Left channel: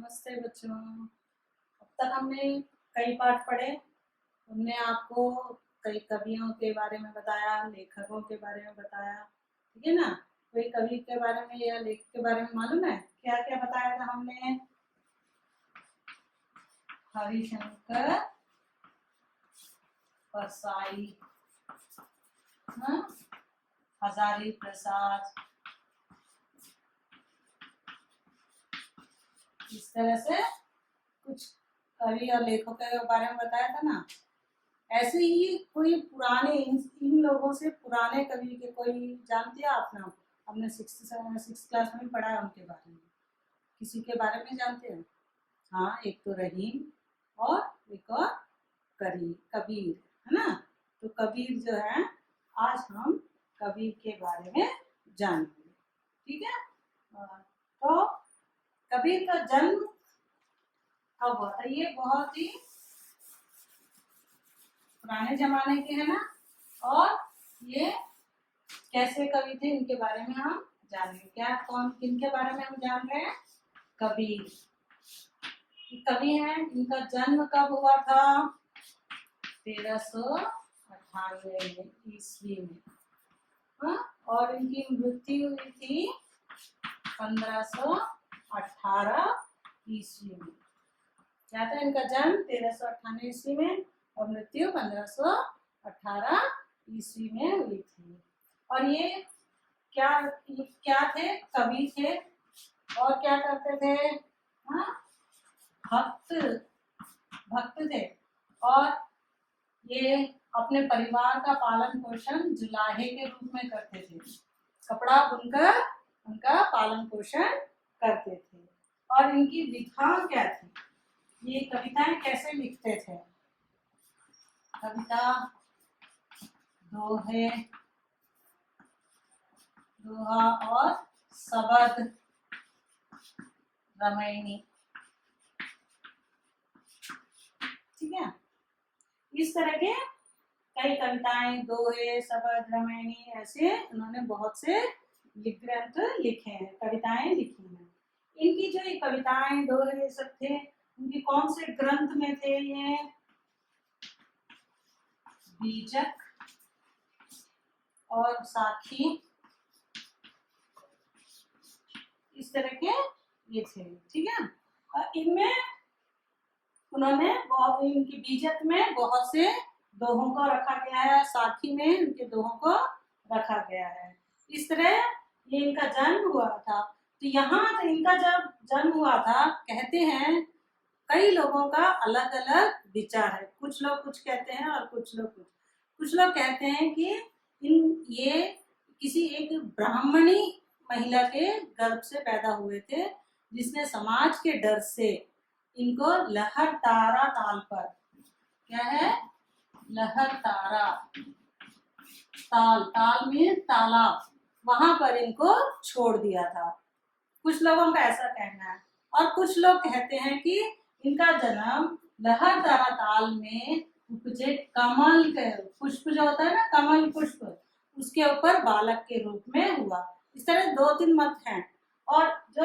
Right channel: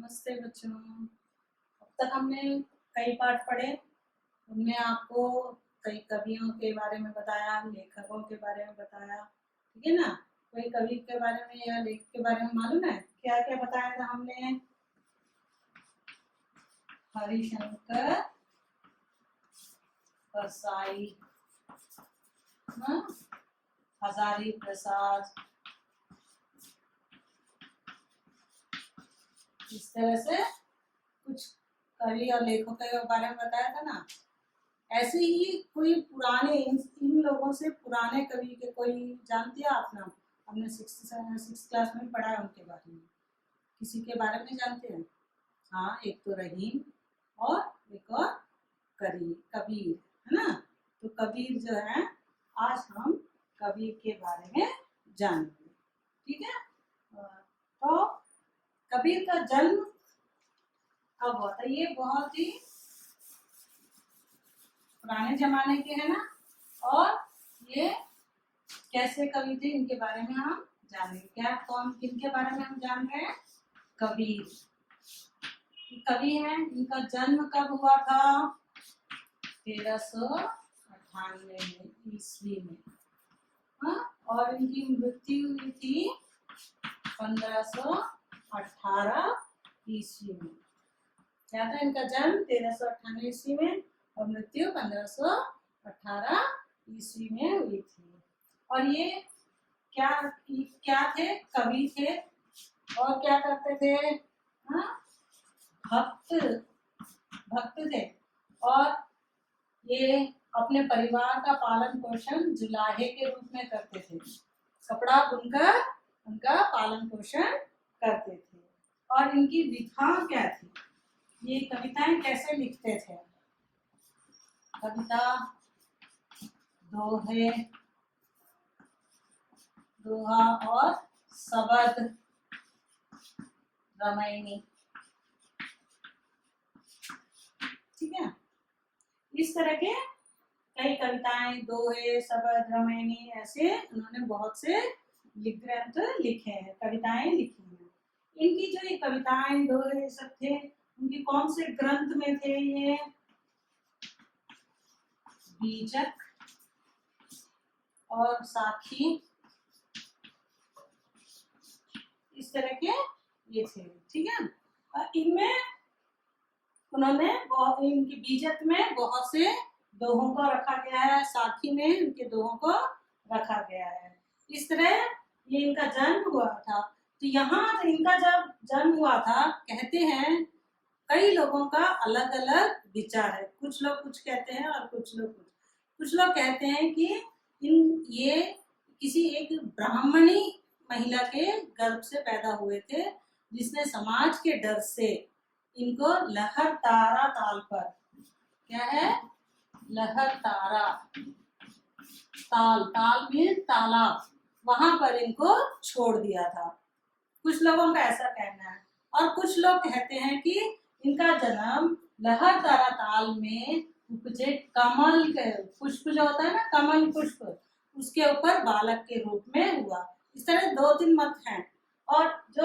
नमस्ते बच्चों। अब तक हमने कई पाठ पढ़े। उनमें आपको कई कवियों के बारे में बताया, लेखकों के बारे में बताया, ठीक है ना। कोई कवि के बारे में या लेखक के बारे में मालूम है क्या क्या बताया था हमने? हरिशंकर परसाई, हजारी प्रसाद, इस तरह से कुछ कवि और लेखकों के बारे में बताया था ना। ऐसे ही कोई पुराने इन लोगों से पुराने कवि के कोई जानते हैं आप नाम? हमने सिक्स क्लास में पढ़ा उनके बारे में। किसी के बारे में जानते हैं? हाँ, एक तो रहीम और एक और कबीर, है ना। तो कबीर जो है, आज हम कबीर के बारे में जानेंगे, ठीक है। तो कबीर का जन्म कब हुआ था? ये बहुत ही पुराने जमाने के है ना। और ये कैसे कवि थे इनके बारे में हम जानेंगे। क्या कौन किनके बारे में हम जान रहे हैं? कबीर कवि हैं। इनका जन्म कब हुआ था? 1398 ईस्वी में, और इनकी मृत्यु हुई थी 1518 ईस्वी में। क्या था इनका जन्म? 1398 ईस्वी में और मृत्यु 1518 ईस्वी में हुई थी। और ये क्या थे? कवि थे। और क्या करते थे? भक्त थे। और ये अपने परिवार का पालन पोषण जुलाहे के रूप में करते थे। कपड़ा बुनकर उनका पालन पोषण करते थे। और इनकी विधाएं क्या थी? ये कविताएं कैसे लिखते थे? कविता, दोहा और शबद, रामायणी, ठीक है। इस तरह के कई कविताएं, दोहे, शबद, रामायणी, ऐसे उन्होंने बहुत से ग्रंथ लिखे हैं, कविताएं लिखी हैं। इनकी जो ये कविताएं, दोहे सब थे, उनकी कौन से ग्रंथ में थे? ये बीजक और साखी, इस तरह के ये थे, ठीक है। इनमें उन्होंने इनकी बीजक में बहुत से दोहों को रखा गया है, साखी में इनके दोहों को रखा गया है। इस तरह ये इनका जन्म हुआ था। तो यहाँ इनका जब जन्म हुआ था, कहते हैं कई लोगों का अलग अलग विचार है। कुछ लोग कुछ कहते हैं और कुछ लोग कहते हैं कि ये किसी एक ब्राह्मणी महिला के गर्भ से पैदा हुए थे, जिसने समाज के डर से इनको लहर तारा ताल पर, क्या है? लहर तारा ताल में तालाब, वहां पर इनको छोड़ दिया था। कुछ लोगों का ऐसा कहना है। और कुछ लोग कहते हैं कि इनका जन्म लहर तारा ताल में उपजे कमल के पुष्प जो होता है ना, कमल पुष्प, उसके ऊपर बालक के रूप में हुआ। इस तरह 2-3 मत हैं। और जो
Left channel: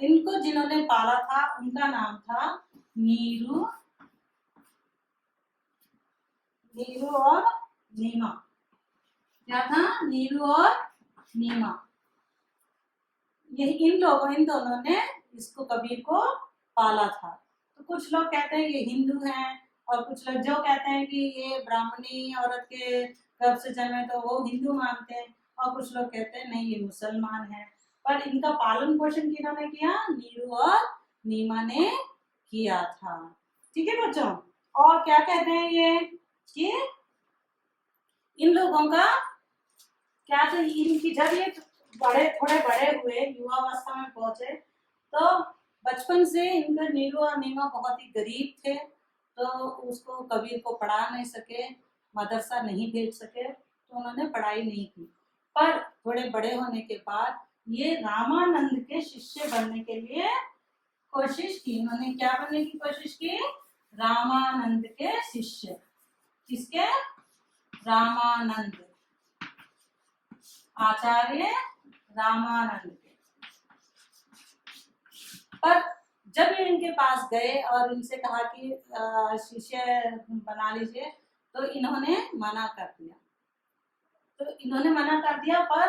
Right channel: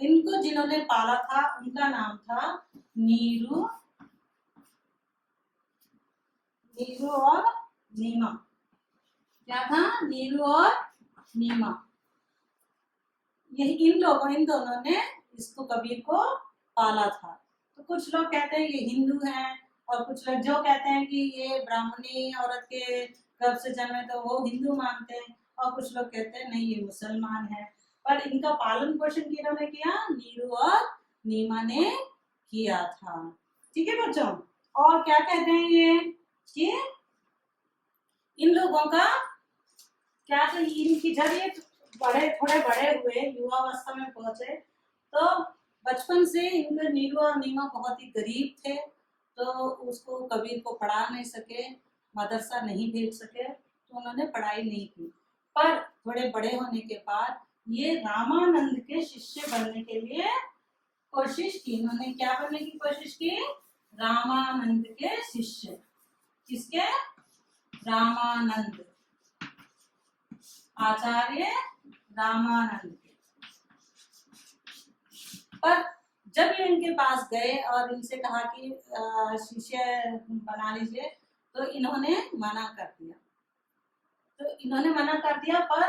इनको जिन्होंने पाला था, उनका नाम था नीरू और नीमा। क्या था? नीरू और नीमा। इन दोनों ने इसको कबीर को पाला था। तो कुछ लोग कहते हैं ये हिंदू हैं, और कुछ लोग जो कहते हैं कि ये ब्राह्मणी औरत के गर्भ से जन्मे, तो वो हिंदू मानते हैं। और कुछ लोग कहते हैं नहीं, ये मुसलमान है। पर इनका पालन पोषण किन्होंने किया? नीरू और नीमा ने किया था, ठीक है बच्चों। और क्या कहते हैं ये कि इन लोगों का क्या था? इनकी जब ये थोड़े बड़े हुए, युवावस्था में पहुंचे, तो बचपन से इनका नीरू और नीमा बहुत ही गरीब थे। तो उसको कबीर को पढ़ा नहीं सके, मदरसा नहीं भेज सके, तो उन्होंने पढ़ाई नहीं की। पर थोड़े बड़े होने के बाद ये रामानंद के शिष्य बनने के लिए कोशिश की। इन्होंने क्या बनने की कोशिश की? रामानंद के शिष्य। किसके? रामानंद, आचार्य रामानंद के। पर जब ये इनके पास गए और इनसे कहा कि शिष्य बना लीजिए, तो इन्होंने मना कर दिया। तो इन्होंने मना कर दिया, पर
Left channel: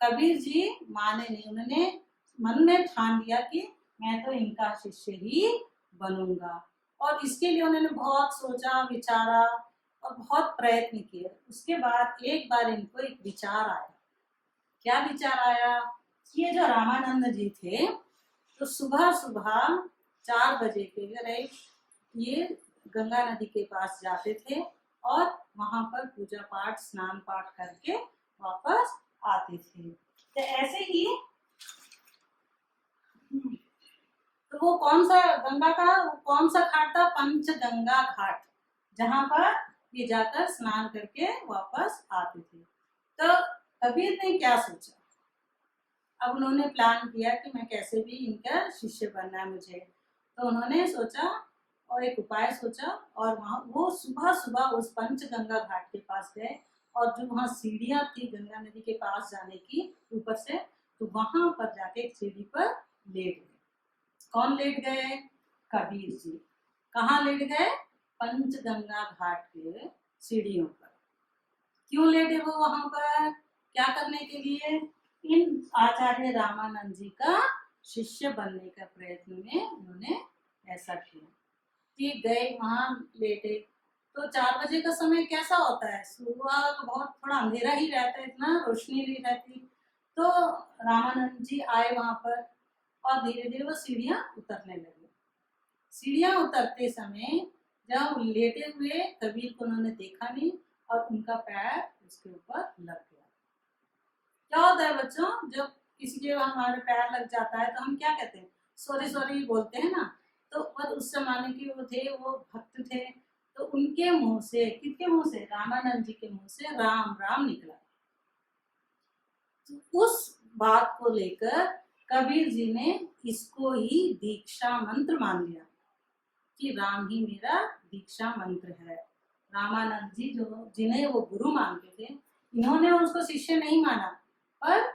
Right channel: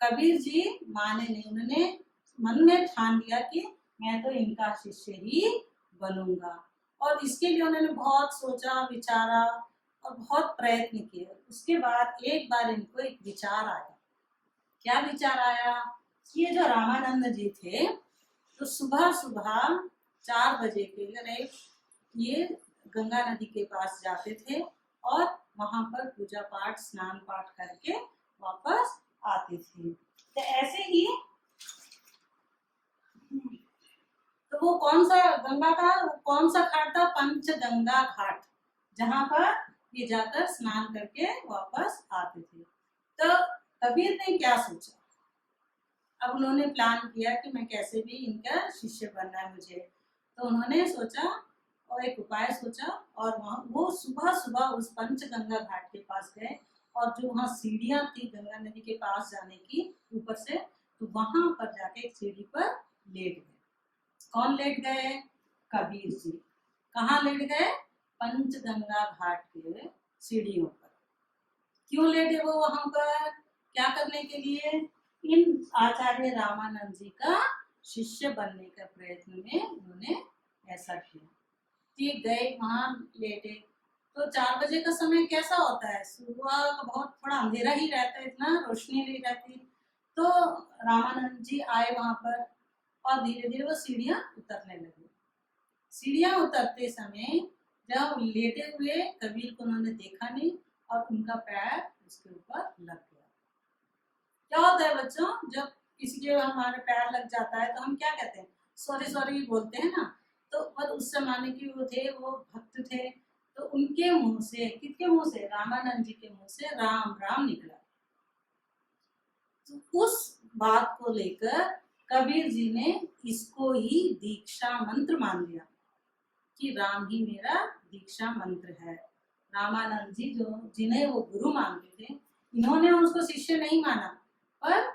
कबीर जी माने नहीं। उन्होंने मन में ठान लिया कि मैं तो इनका शिष्य ही बनूंगा। और इसके लिए उन्होंने बहुत सोचा विचारा और बहुत प्रयत्न किए। उसके बाद एक बार इनको एक विचार आया। क्या विचार आया? ये जो रामानंद जी थे, तो सुबह सुबह 4 बजे के करीब ये गंगा नदी के पास जाते थे और वहां पर पूजा पाठ स्नान पाठ करके वापस आते थे। तो ऐसे ही तो वो कौन सा गंगा का कौन सा घाट था? पंचगंगा घाट, जहां पर ये जाकर स्नान करके वापस आते थे। तो कबीर ने क्या सोचा? अब उन्होंने प्लान किया कि मैं कैसे भी इनका शिष्य बनना है मुझे। तो उन्होंने सोचा और एक उपाय सोचा, और वहां वो सुबह सुबह उस पंचगंगा घाट के पास गए, और जो वहां सीढ़ियां थी गंगा नदी के पास जाने की ऊपर से, तो वहां पर जाके एक सीढ़ी पर लेट गए। कौन लेट गए? कबीर जी। कहाँ लेट गए? पंचगंगा घाट के सीढ़ियों पर। क्यों लेटे वो वहां पर? क्या करने के लिए? इन आचार्य रामानंद जी का शिष्य बनने का प्रयत्न में उन्होंने ऐसा किया कि गए वहां लेटे। तो 4 बजे का समय कैसा होता है? सुबह का बहुत थोड़ा अंधेरा ही रहता है, इतना रोशनी नहीं रहती। तो रामानंद जी आए वहां पर और धीरे धीरे वो सीढ़ियां उतरने लगी। सीढ़ियां उतरते समय जब लेटे हुए कबीर को उन्होंने देखा नहीं, और उनका पैर उसके ऊपर लग गया। क्या होता है बच्चों, जब किसी के हमारे पैर लग जाता है तो हम क्या कहते हैं? सॉरी सॉरी बोलते हैं ना। तो पर उस जमाने के वो थे, वो भक्त थे, तो उनके मुंह से, किसके मुंह से? रामानंद जी के मुंह से राम राम निकला। तो उस बात को लेकर कबीर जी ने इसको ही दीक्षा मंत्र मान लिया कि राम ही मेरा दीक्षा मंत्र है। रामानंद जी जो जिन्हें वो गुरु मानते थे, इन्होंने उसको शिष्य नहीं माना, पर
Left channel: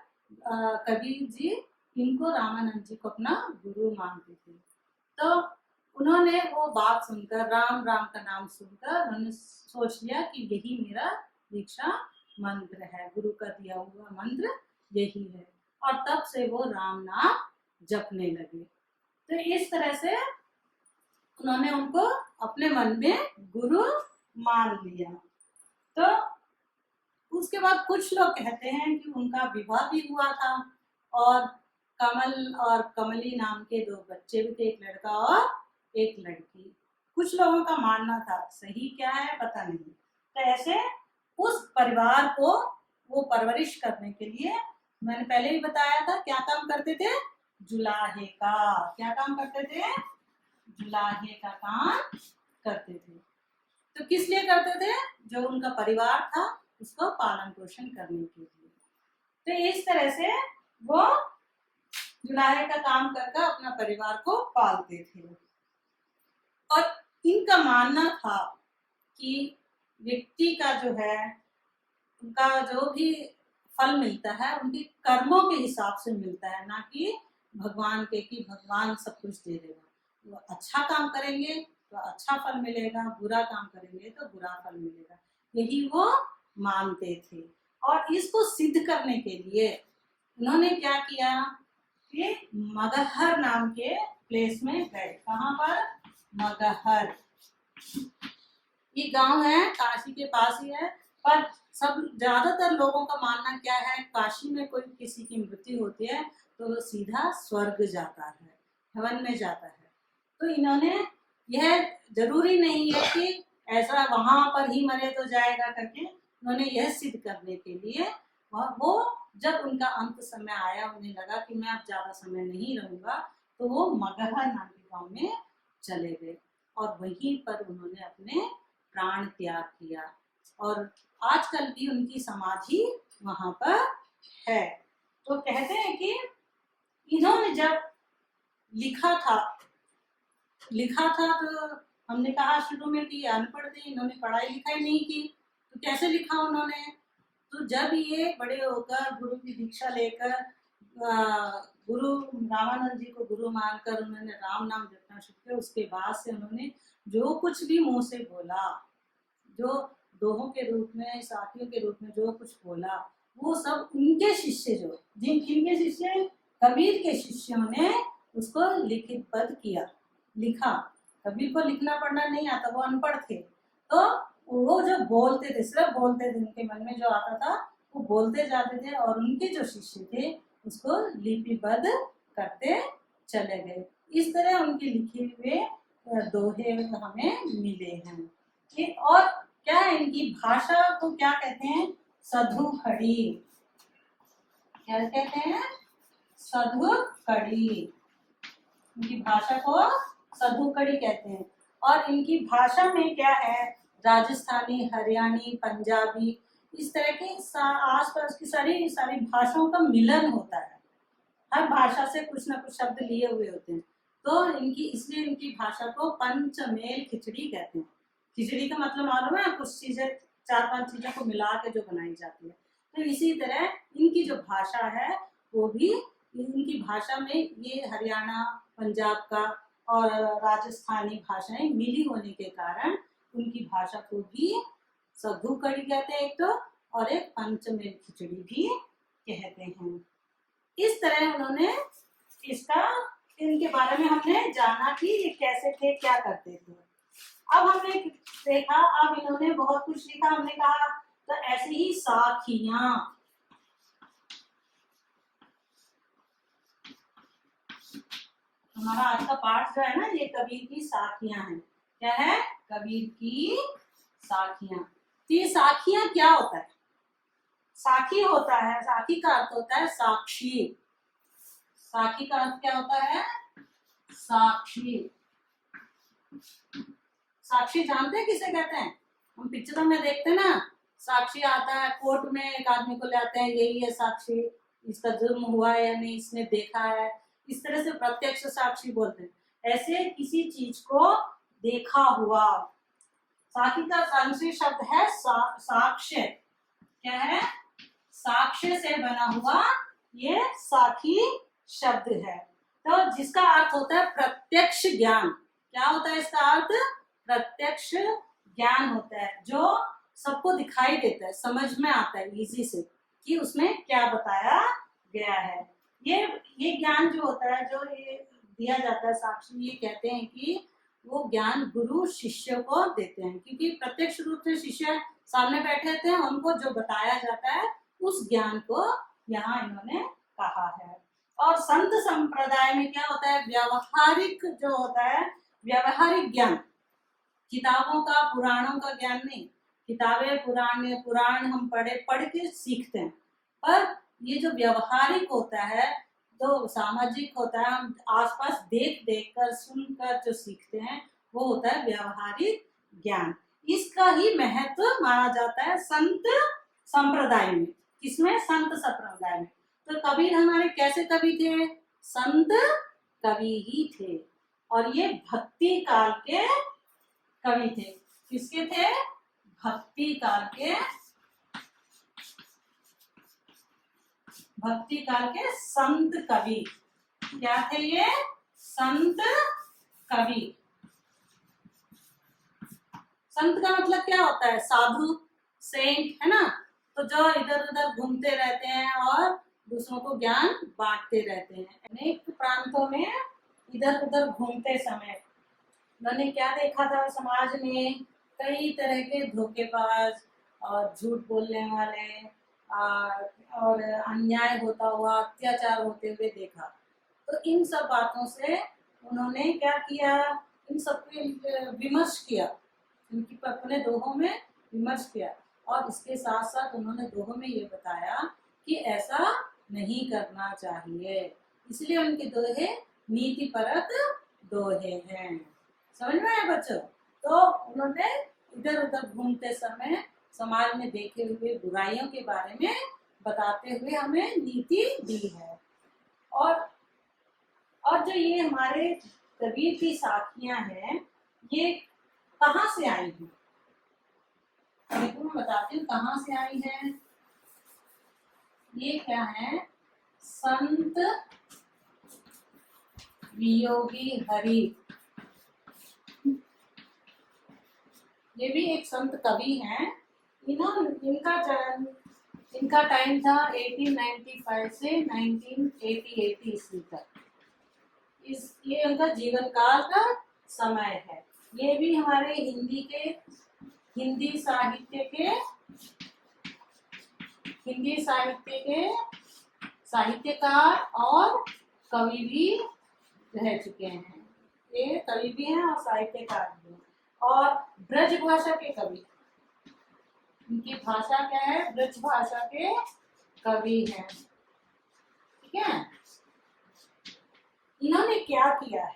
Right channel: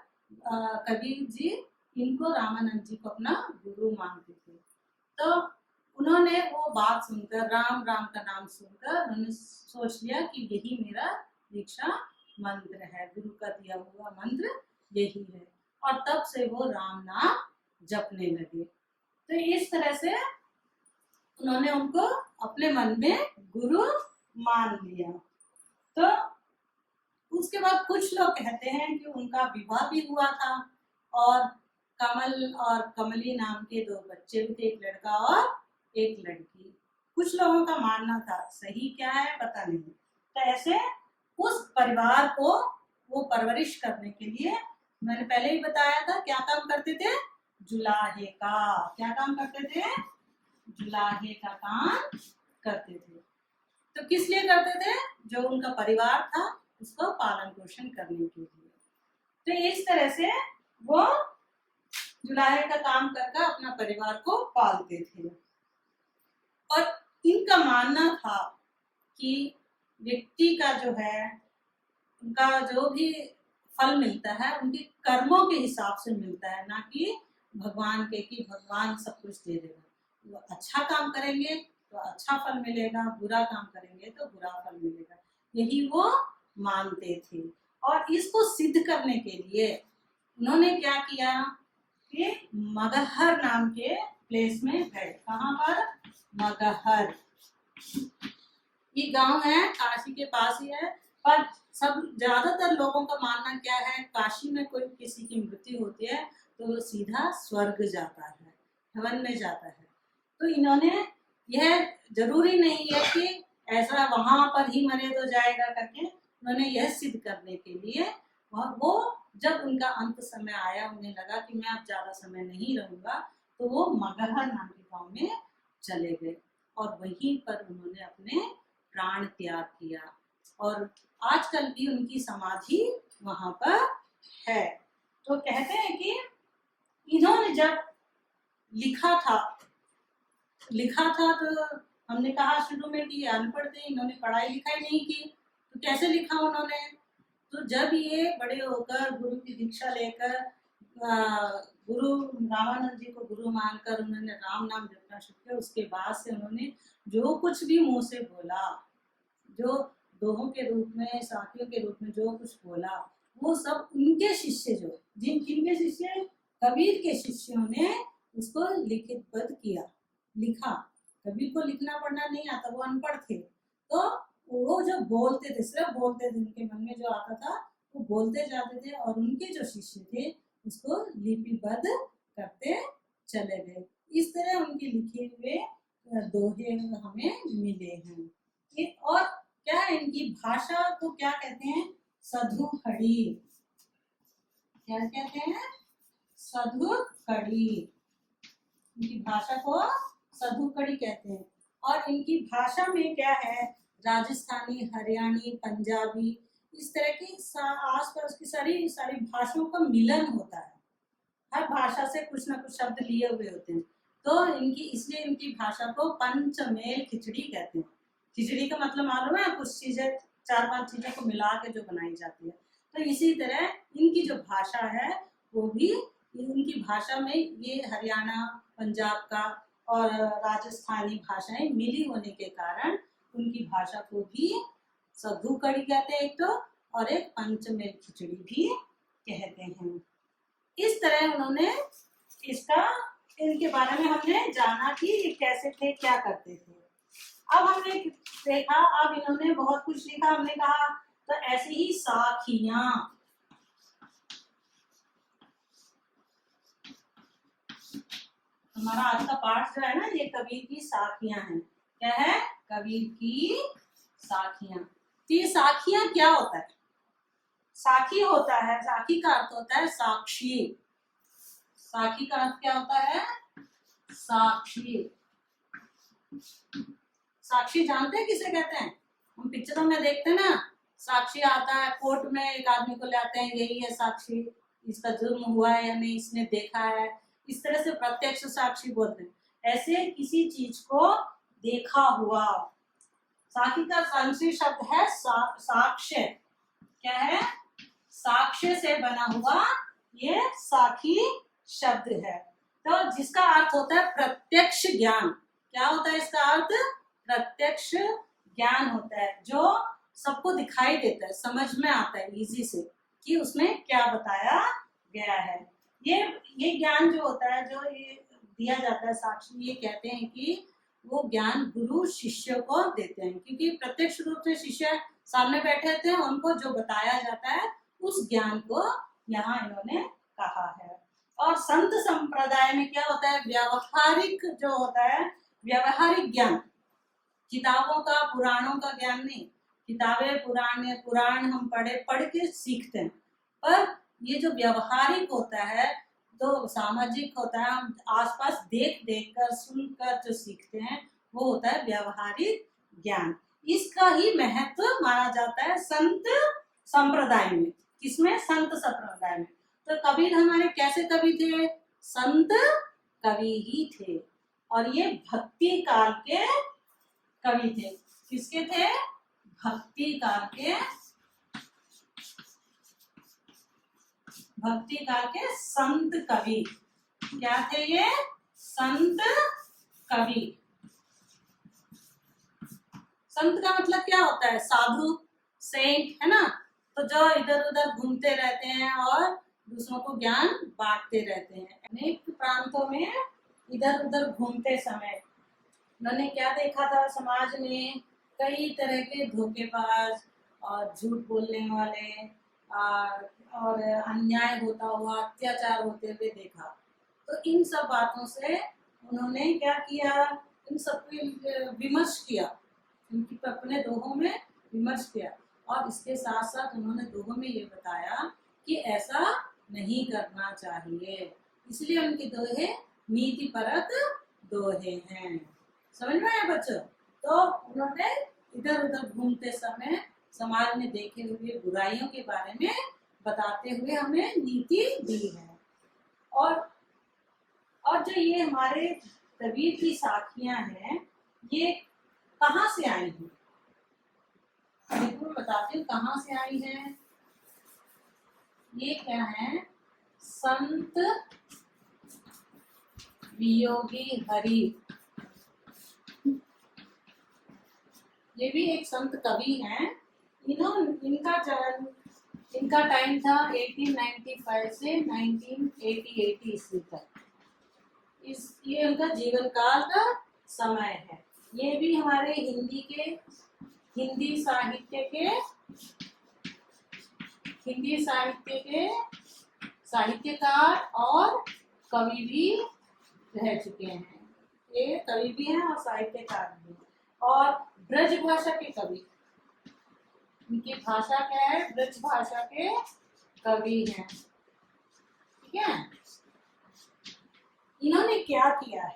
कबीर जी इनको रामानंद जी को अपना गुरु मानते थे। तो उन्होंने वो बात सुनकर, राम राम का नाम सुनकर, उन्होंने सोच लिया कि यही मेरा दीक्षा मंत्र है, गुरु का दिया हुआ मंत्र यही है। और तब से वो राम नाम जपने लगे। तो इस तरह से उन्होंने उनको अपने मन में गुरु मान लिया। तो उसके बाद कुछ लोग कहते हैं कि उनका विवाह भी हुआ था, और कमल और कमली नाम के 2 बच्चे भी थे, एक लड़का और एक लड़की। कुछ लोगों का मानना था, सही क्या है पता नहीं। तो ऐसे उस परिवार को वो परवरिश करने के लिए, मैंने पहले ही बताया था, क्या काम करते थे? जुलाहे का। क्या काम करते थे? जुलाहे का काम करते थे। तो किस लिए करते थे? जो उनका परिवार था उसको पालन पोषण करने के लिए। तो इस तरह से वो जुलाहे का काम करके अपना परिवार को पालते थे। और इनका मानना था कि व्यक्ति का जो है, उनका जो भी फल मिलता है उनके कर्मों के हिसाब से मिलता है, ना कि भगवान के कि भगवान सब कुछ दे देगा। वो अच्छा काम करेंगे तो अच्छा फल मिलेगा, बुरा काम करेंगे तो बुरा फल मिलेगा, यही वो मानते थे। और इसको सिद्ध करने के लिए उन्होंने क्या किया कि मगहर नाम के प्लेस में गए। कहाँ पर? मगहर। ये गांव है, काशी के पास ही है। पर सब ज्यादातर लोगों का मानना क्या है, काशी में कोई किसी की मृत्यु होती है तो वो सीधा स्वर्ग जाता है, हेवन में जाता है। तो इन्होंने, यह जरूरी नहीं है कि ऐसा वहां पर ही मरे तो जाएगा करके, उन्होंने यह सिद्ध करने के लिए वो जब उनका अंत समय आया, उन्हें लगा कि मैं अब ज्यादा समय नहीं रहूंगा, तो वो मगहर नाम के गांव में चले गए और वहीं पर उन्होंने अपने प्राण त्याग किया। और आजकल भी उनकी समाधि वहां पर है। तो कहते हैं कि इन्होंने जब लिखा था तो हमने कहा शुरू में कि अनपढ़ थे, इन्होंने पढ़ाई लिखाई नहीं की, तो कैसे लिखा उन्होंने? तो जब ये बड़े होकर गुरु की दीक्षा लेकर गुरु रामानंद जी को गुरु मानकर उन्होंने राम नाम जपना शुरू किया। उसके बाद से उन्होंने जो कुछ भी मुंह से बोला, जो दोहों के रूप में, साखियों के रूप में जो कुछ बोला, वो सब उनके शिष्य जो जिन किनके शिष्य, कबीर के शिष्यों ने उसको लिखितबद्ध किया, लिखा। कबीर को लिखना पढ़ना नहीं आता, वो अनपढ़ थे, तो वो जो बोलते थे, सिर्फ बोलते थे, उनके मन में जो आता था वो बोलते जाते थे, और उनके जो शिष्य थे उसको लिपिबद्ध करते चले गए। इस तरह उनके लिखे हुए दोहे हमें मिले हैं। और क्या है, इनकी भाषा को क्या कहते हैं, सधु खड़ी। क्या कहते हैं, सधु कड़ी। इनकी भाषा को सधु कड़ी कहते हैं। और इनकी भाषा में क्या है, राजस्थानी, हरियाणी, पंजाबी, इस तरह की आसपास की सारी सारी भाषाओं का मिलन होता है। हर भाषा से कुछ ना कुछ शब्द लिए हुए होते हैं, तो इनकी, इसलिए इनकी भाषा को पंचमेल खिचड़ी कहते हैं। खिचड़ी का मतलब मालूम है, कुछ चीजें, 4-5 चीजों को मिला के जो बनाई जाती है। तो इसी तरह इनकी जो भाषा है वो भी, इनकी भाषा में ये हरियाणा, पंजाब का और राजस्थानी भाषाएं मिली होने के कारण उनकी भाषा को भी सधु कड़ी कहते हैं एक तो, और एक पंचमेल खिचड़ी भी कहते हैं। इस तरह उन्होंने इसका, इनके बारे में हमने जाना कि ये कैसे थे, क्या करते थे। अब हमने देखा, अब इन्होंने बहुत कुछ लिखा, हमने कहा तो ऐसी ही साखियां, हमारा आज का पाठ जो है ना, ये कबीर की साखियां हैं। क्या है, कबीर की साखियां। तो ये साखियां क्या होता है, साखी होता है, साखी का अर्थ होता है साक्षी। साखी का अर्थ क्या होता है, साक्षी। साक्षी जानते हैं किसे कहते हैं, हम पिक्चरों में देखते हैं ना, साक्षी आता है कोर्ट में, एक आदमी को ले आते हैं, यही है साक्षी, इसका जुर्म हुआ है या नहीं, इसने देखा है, इस तरह से प्रत्यक्ष साक्षी बोलते हैं। ऐसे किसी चीज को देखा हुआ, साक्षी का संस्कृत शब्द है साक्ष्य। क्या है, साक्ष्य से बना हुआ ये साखी शब्द है। तो जिसका अर्थ होता है प्रत्यक्ष ज्ञान। क्या होता है इसका अर्थ, प्रत्यक्ष ज्ञान होता है, जो सबको दिखाई देता है, समझ में आता है इजी से कि उसमें क्या बताया गया है। ये ज्ञान जो होता है, जो ये दिया जाता है साक्षी, ये कहते हैं कि वो ज्ञान गुरु शिष्य को देते हैं, क्योंकि प्रत्यक्ष रूप से शिष्य सामने बैठे थे, उनको जो बताया जाता है उस ज्ञान को यहाँ इन्होंने कहा है। और संत संप्रदाय में क्या होता है, व्यावहारिक जो होता है, व्यावहारिक ज्ञान, किताबों का, पुराणों का ज्ञान नहीं। किताबें, पुराण हम पढ़ के सीखते हैं, पर ये जो व्यावहारिक होता है, तो सामाजिक होता है, हम आसपास देख देख कर, सुनकर जो सीखते हैं, वो होता है व्यावहारिक ज्ञान। इसका ही महत्व माना जाता है संत संप्रदाय में। किसमें, संत संप्रदाय में। तो कबीर हमारे कैसे कवि थे, संत कवि ही थे, और ये भक्ति काल के कवि थे। किसके थे, भक्ति काल के, भक्ति काल के संत कवि। क्या थे ये, संत कवि। संत का मतलब क्या होता है, साधु, सेंट, है ना। तो जो इधर उधर घूमते रहते हैं और दूसरों को ज्ञान बांटते रहते हैं। अनेक प्रांतों में इधर उधर घूमते समय उन्होंने क्या देखा था, समाज में कई तरह के धोखेबाज और झूठ बोलने वाले और अन्याय होता हुआ, अत्याचार होते हुए देखा। तो इन सब बातों से उन्होंने क्या किया, इन सब पे विमर्श किया, इनकी अपने दोहों में विमर्श किया। और इसके साथ साथ उन्होंने दोहों में ये बताया कि ऐसा नहीं करना चाहिए, इसलिए उनके दोहे नीति परक दोहे हैं। समझ में आए बच्चों। तो उन्होंने इधर उधर घूमते समय समाज में देखे हुए बुराइयों के बारे में बताते हुए हमें नीति दी है। और जो ये हमारे कबीर की साखियां हैं, ये कहाँ से आई हैं, देखो मैं बताती हूँ कहाँ से आई है। ये क्या है, संत वियोगी हरि, ये भी एक संत कवि हैं। इनका टाइम था 1895 से 1988 ईस्वी तक। ये उनका जीवन काल का समय है। ये भी हमारे हिंदी साहित्य के साहित्यकार और कवि भी रह चुके हैं। ये कवि भी हैं और साहित्यकार भी हैं, और ब्रज भाषा के कवि। इनकी भाषा क्या है? ब्रज भाषा के कवि हैं। ठीक है। इन्होंने क्या किया है?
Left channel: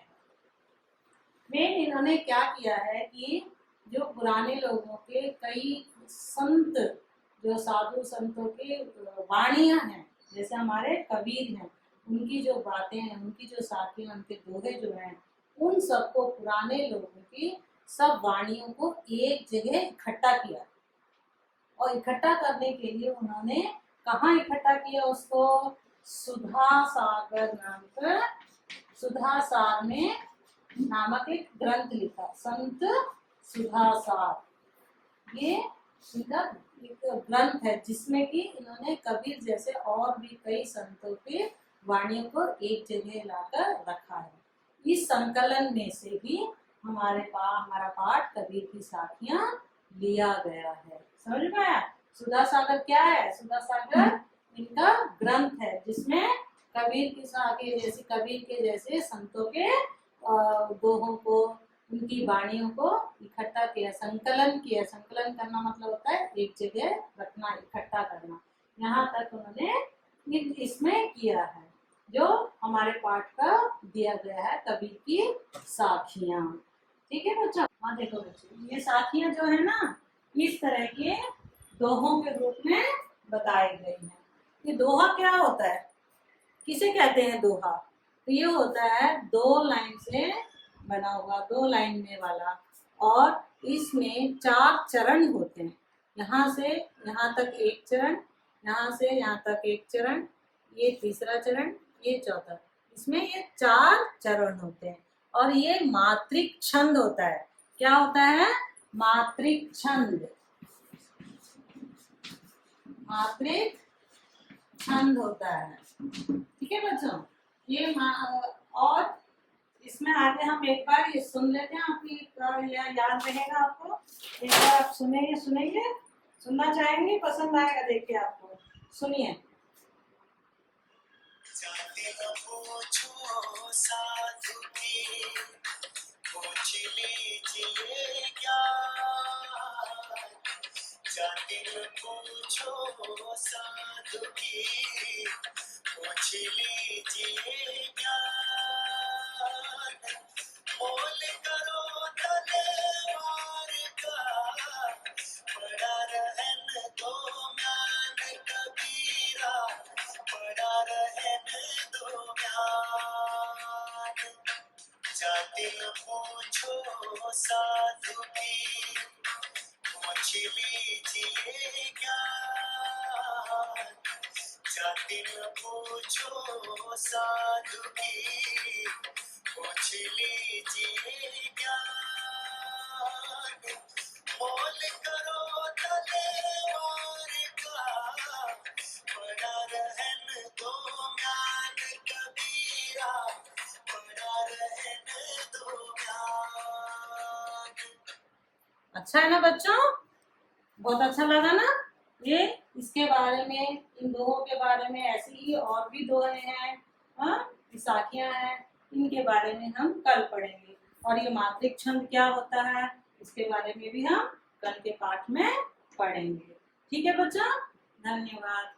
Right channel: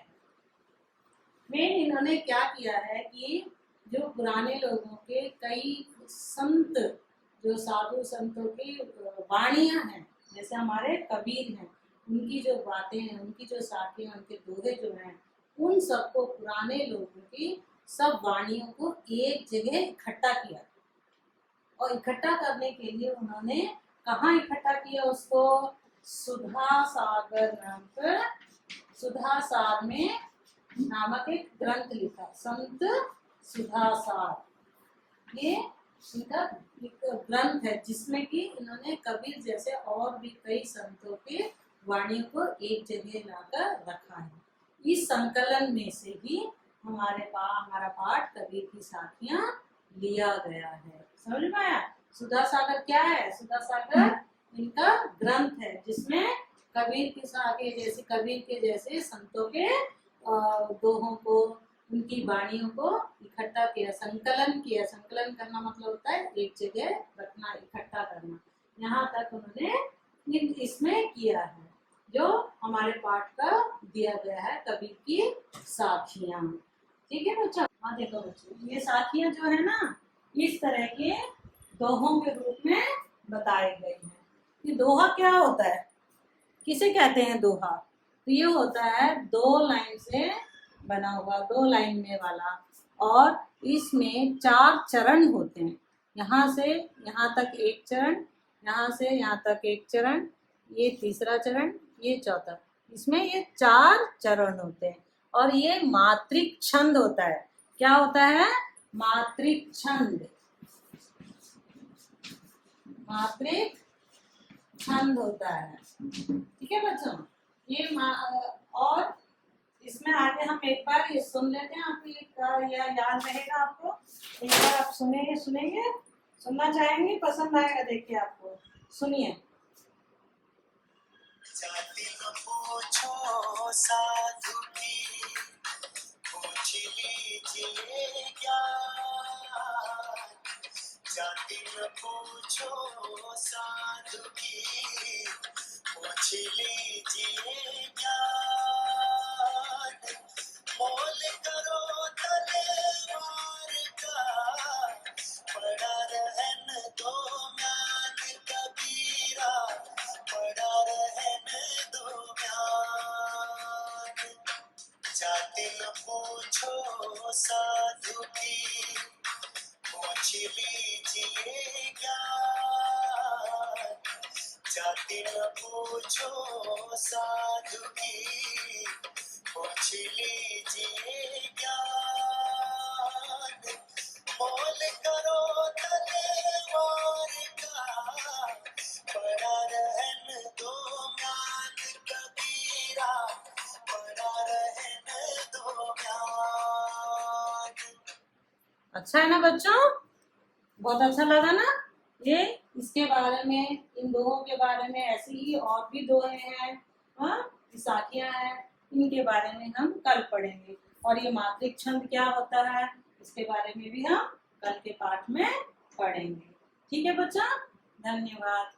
इन्होंने क्या किया है कि जो पुराने लोगों के कई संत, जो साधु संतों की वाणियां हैं, जैसे हमारे कबीर हैं, उनकी जो बातें हैं, उनकी जो साखियां, उनके दोहे जो हैं, उन सबको, पुराने लोगों की सब वाणियों को एक जगह इकट्ठा किया। और इकट्ठा करने के लिए उन्होंने कहाँ इकट्ठा किया उसको? सुधा सागर में नामक एक ग्रंथ लिखा, संत सुधा सार। ये इनका एक ग्रंथ है जिसमें कि इन्होंने कबीर जैसे और भी कई संतों के वाणियों को एक जगह लाकर रखा है। इस संकलन में से ही हमारा पाठ कबीर की साखियां लिया गया है। समझ में आया? सुधा सागर क्या है? सुधा सागर इनका ग्रंथ है जिसमें कबीर के जैसे संतों के दोहों को, उनकी वाणियों को इकट्ठा किया, संकलन किया। संकलन करना मतलब होता है एक जगह रखना, इकट्ठा करना। यहाँ तक उन्होंने इसमें किया है, जो हमारे पाठ का दिया गया है, कबीर की साखियां। ठीक है बच्चों? हाँ देखो बच्चों, ये साखियां जो है ना, इस तरह के दोहों के रूप में बताई गई हैं। ये दोहा क्या होता है? किसे कहते हैं दोहा? तो ये होता है 2 लाइन से बना हुआ, 2 लाइन में वाला, और इसमें 4 चरण होते हैं। यहाँ से यहाँ तक एक चरण, यहाँ से यहाँ तक एक चरण, ये तीसरा चरण, ये चौथा। इसमें ये 4 चरण होते हैं, और ये मात्रिक छंद होता है। क्या होता है? मात्रिक छंद। मात्रिक छंद होता है। ठीक है बच्चों? ये और इसमें आगे हम एक बार ये सुन लेते हैं, आपको याद रहेगा आपको। एक बार आप सुनेंगे, सुनना चाहेंगे? पसंद आएगा देख के आपको। सुनिए। साधु की पूछ लीजिए ज्ञान, जाति न पूछो साधु की पूछ लीजिए ज्ञान, मोल करो तलेवार का, पड़ा रहन दो म्यान कबीरा, पड़ा रहन दो म्यान, जाति न पूछो साधु की पूछ लीजिए ज्ञान, जाति न पूछो साधु की पूछ लीजिए ज्ञान, मोल करो तलेवार का, पड़ा रहन दो म्यान कबीरा, पड़ा रहन दो म्यान। अच्छा है ना बच्चों? बहुत अच्छा लगा ना? ये इसके बारे में, इन दोहों के बारे में, ऐसी ही और भी दोहे हैं, साखियां हैं, इनके बारे में हम कल पढ़ेंगे। और ये मात्रिक छंद क्या होता है, इसके बारे में भी हम कल के पाठ में पढ़ेंगे। ठीक है बच्चों? धन्यवाद।